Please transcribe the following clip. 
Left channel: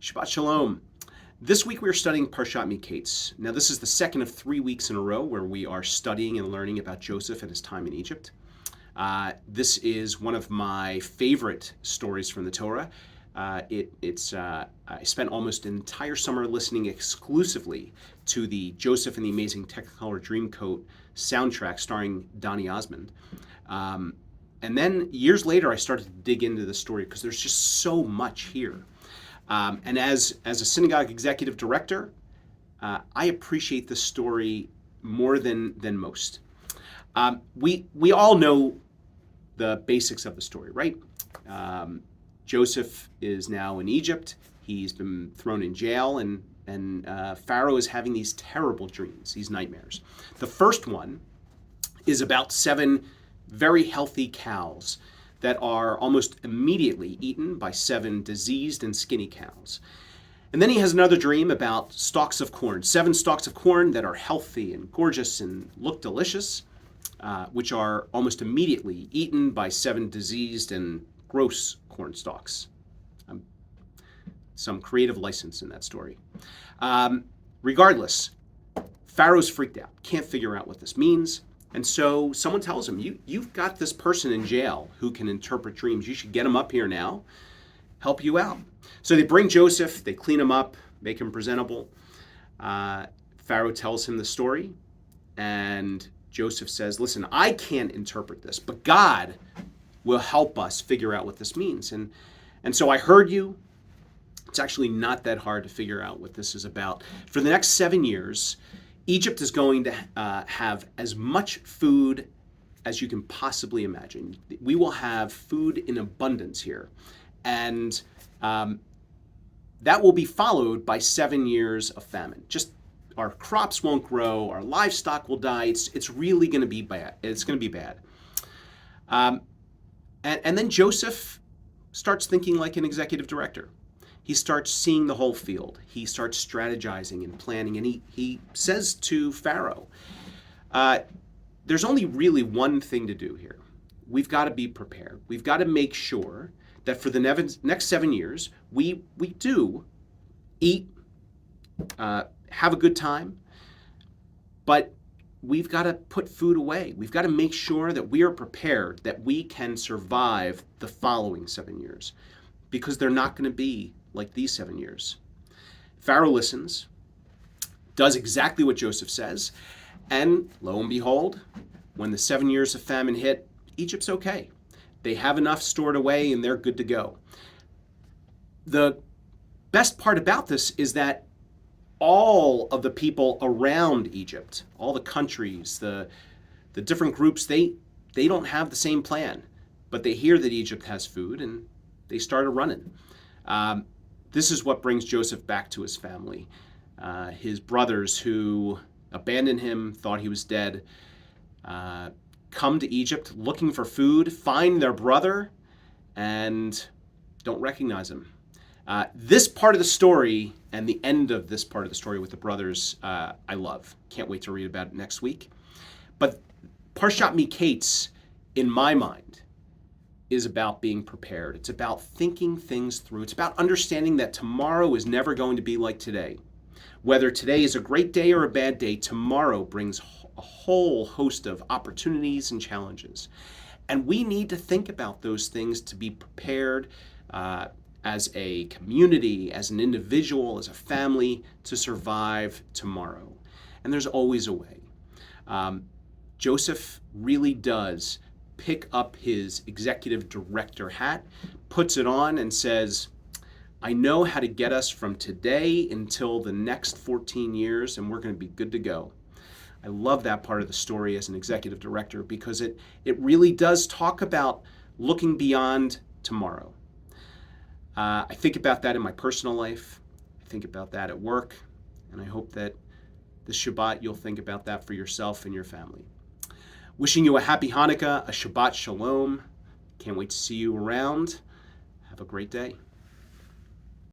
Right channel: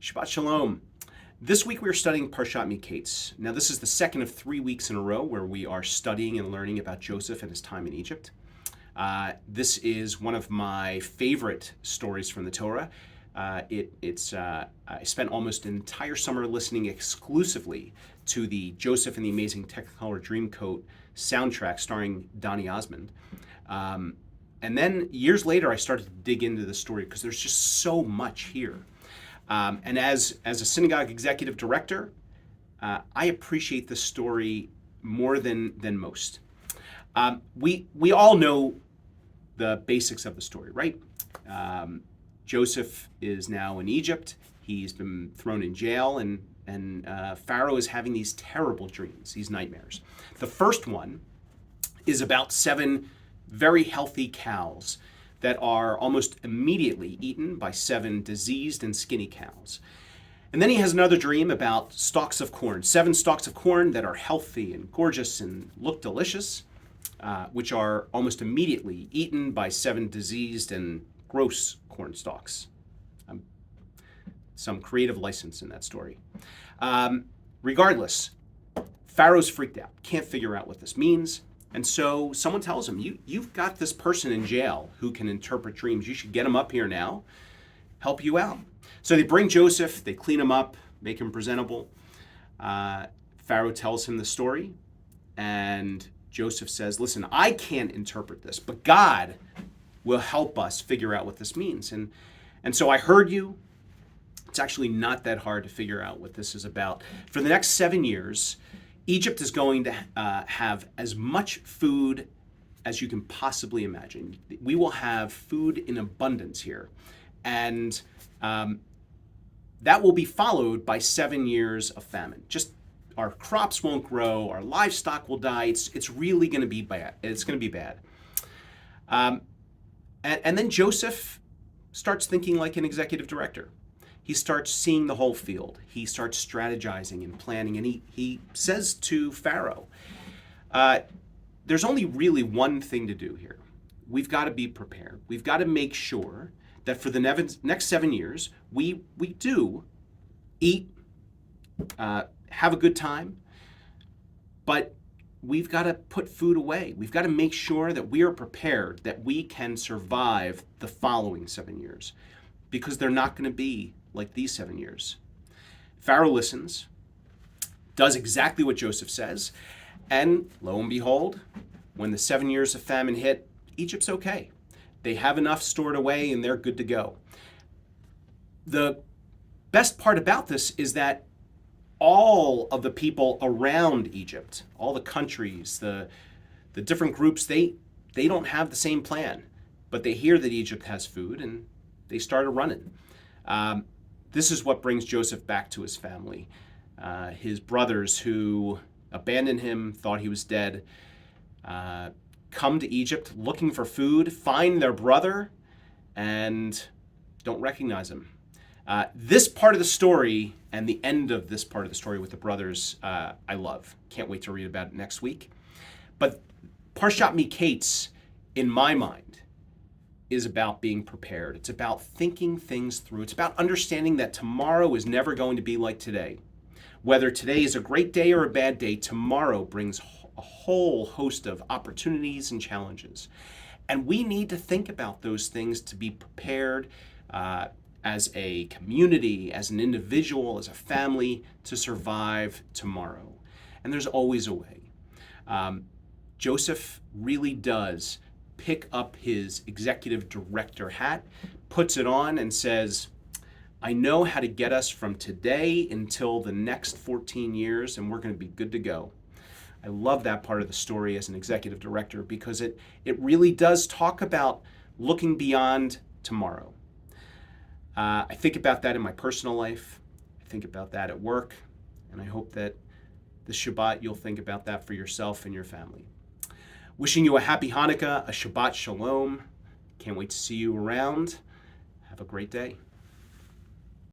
Shabbat Shalom. This week we are studying Parshat Miketz. Now this is the second of 3 weeks in a row where we are studying and learning about Joseph and his time in Egypt. This is one of my favorite stories from the Torah. I spent almost an entire summer listening exclusively to the Joseph and the Amazing Technicolor Dreamcoat soundtrack starring Donny Osmond. And then years later I started to dig into the story because there's just so much here. And as a synagogue executive director, I appreciate the story more than most. We all know the basics of the story, right? Joseph is now in Egypt. He's been thrown in jail, and Pharaoh is having these terrible dreams, these nightmares. The first one is about 7 very healthy cows that are almost immediately eaten by 7 diseased and skinny cows. And then he has another dream about stalks of corn, 7 stalks of corn that are healthy and gorgeous and look delicious, which are almost immediately eaten by 7 diseased and gross corn stalks. Some creative license in that story. Regardless, Pharaoh's freaked out, can't figure out what this means. And so someone tells him, you've got this person in jail who can interpret dreams. You should get him up here now, help you out. So they bring Joseph, they clean him up, make him presentable. Pharaoh tells him the story, and Joseph says, listen, I can't interpret this, but God will help us figure out what this means. And so I heard you. It's actually not that hard to figure out what this is about. For the next 7 years, Egypt is going to have as much food as you can possibly imagine. We will have food in abundance here. And that will be followed by 7 years of famine. Just our crops won't grow, our livestock will die. It's really going to be bad. It's going to be bad. And then Joseph starts thinking like an executive director. He starts seeing the whole field. He starts strategizing and planning, and he says to Pharaoh, there's only really one thing to do here. We've got to be prepared. We've got to make sure that for the next 7 years, we do eat, have a good time, but we've got to put food away. We've got to make sure that we are prepared, that we can survive the following 7 years, because they're not going to be like these 7 years. Pharaoh listens, does exactly what Joseph says, and lo and behold, when the 7 years of famine hit, Egypt's okay. They have enough stored away and they're good to go. The best part about this is that all of the people around Egypt, all the countries, the different groups, they don't have the same plan, but they hear that Egypt has food and they started running. This is what brings Joseph back to his family. His brothers who abandoned him, thought he was dead, come to Egypt looking for food, find their brother, and don't recognize him. This part of the story and the end of this part of the story with the brothers, I love. Can't wait to read about it next week. But Parshat Miketz, in my mind, is about being prepared. It's about thinking things through. It's about understanding that tomorrow is never going to be like today. Whether today is a great day or a bad day, tomorrow brings a whole host of opportunities and challenges. And we need to think about those things to be prepared as a community, as an individual, as a family, to survive tomorrow. And there's always a way. Joseph really does pick up his executive director hat, puts it on, and says, I know how to get us from today until the next 14 years, and we're going to be good to go. I love that part of the story as an executive director because it really does talk about looking beyond tomorrow. I think about that in my personal life. I think about that at work, and I hope that this Shabbat you'll think about that for yourself and your family. Wishing you a happy Hanukkah, a Shabbat Shalom. Can't wait to see you around. Have a great day.